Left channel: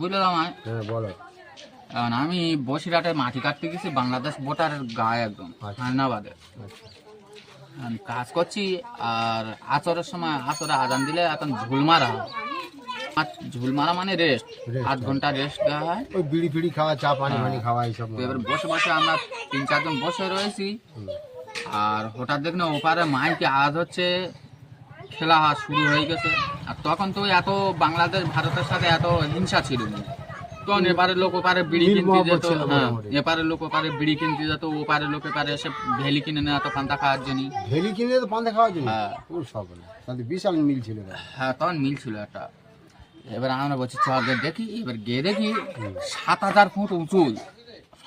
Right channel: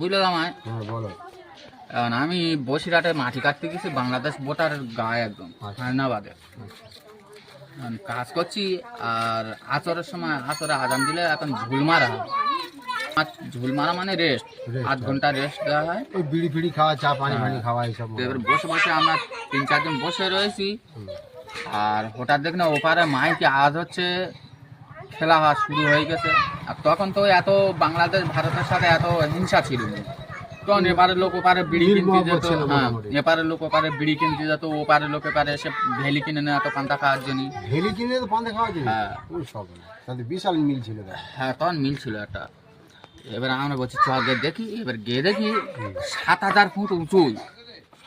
বুঝলে আমায় বলো। এখন আমি বসিরহাটে মাটি কাটতে গেছি বাংলাদেশ বোটার গায়ে একদম হায়নাবাদে কাজ করছি। আর আচরের সময় আচরে আজান দিলে এখন ঝুলমারা হয়। আর ঝুলমারা মানে রেস্ট, 8 ঘন্টা রেস্ট দেওয়া হয়। ওই বিড়ি ফিড়ি খাওয়া, চা পানি পানি খাওয়া এইসব। তো এবার বসে বসে আমরা 3-4 জন বসে রয়েছি। আর হঠাৎ দেখ না ওপারে মাইকে আওয়াজ হচ্ছে, খেলা শুরু হয়ে গেছে। আর তখন তো এত বাংলাদেশ ভারতের সাথে এত হিংসা ছিল না। তখন এপারের লোক ওপারে বিড়ি কিনতে যেত, হ্যাঁ এপারের লোক ওপারে বিড়ি কিনতে যেত, ওপারের লোক এপারে এসে ভেলি কিনে নেয় এত পান্তা খাওয়ার জন্য। ভেলি কিনে তো পান্তা খাওয়ার জন্য? হ্যাঁ ওই সব তাহলে বিশাল মিল ছিল। হ্যাঁ তখন মিল ছিল একটা। এবার আমরা বলছি চ গিয়ে দেখি। এবার গিয়ে দেখি 7000 ফুট উঁচু।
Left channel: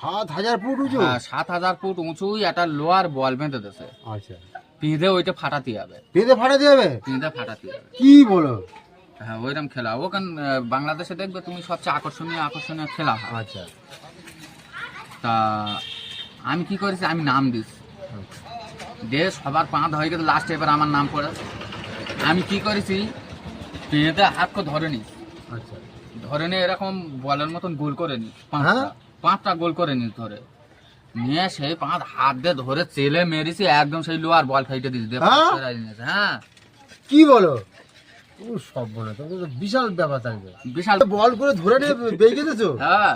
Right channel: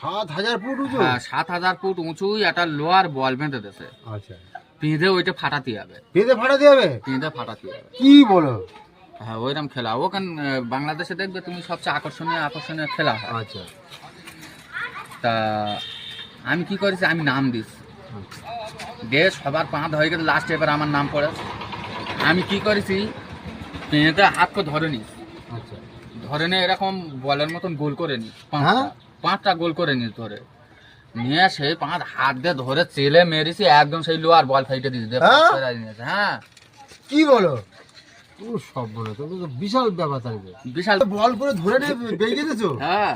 7000 ফুট উঁচু? হ্যাঁ 7000 ফুট উঁচু একটা লোহার বল বেঁধে দিয়েছে। আচ্ছা, পিঁধে ওইটা ফাটাতে হবে। পিঁধে ফাটাতে হবে? পিঁধে ফাটাতে হবে। কি বলো? হ্যাঁ ওইরকম খেলা ওখানে বাংলাদেশে দেখবে তুমি সবচেয়ে আকর্ষণীয় খেলা হয়। আচ্ছা, তা আমি কি করেছি, আমি নাম দিস দিয়ে সবার পাঁধ হয়ে গেছে। লাস্টে এবার আমার নাম পড়ে। আমি কি করেছি, পেঁধে হাতকে ধরে নিস, আচ্ছা, ধরে নিয়ে এরকম বলের মতন গোল করে নিস, হ্যাঁ? 5টা গোল করে নিস ধরে নিয়ে সেই 5 হাত দিয়ে ধরে চেলে মেরেছি একদম সেই লোহার বল ফাইটে দিয়েছি। হ্যাঁ কি বলো? ও সব বলে তো বিশাল ব্যাপার। তাহলে বিশাল বল করে ধরে নিয়ে বেরিয়ে গেছো? হ্যাঁ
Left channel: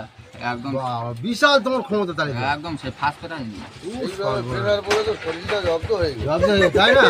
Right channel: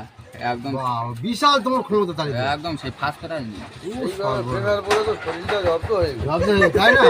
একদম বিশাল তোমার ক্ষমতা। তাহলে একদম সেই ফার্স্ট প্রাইজ নিয়ে তাই না?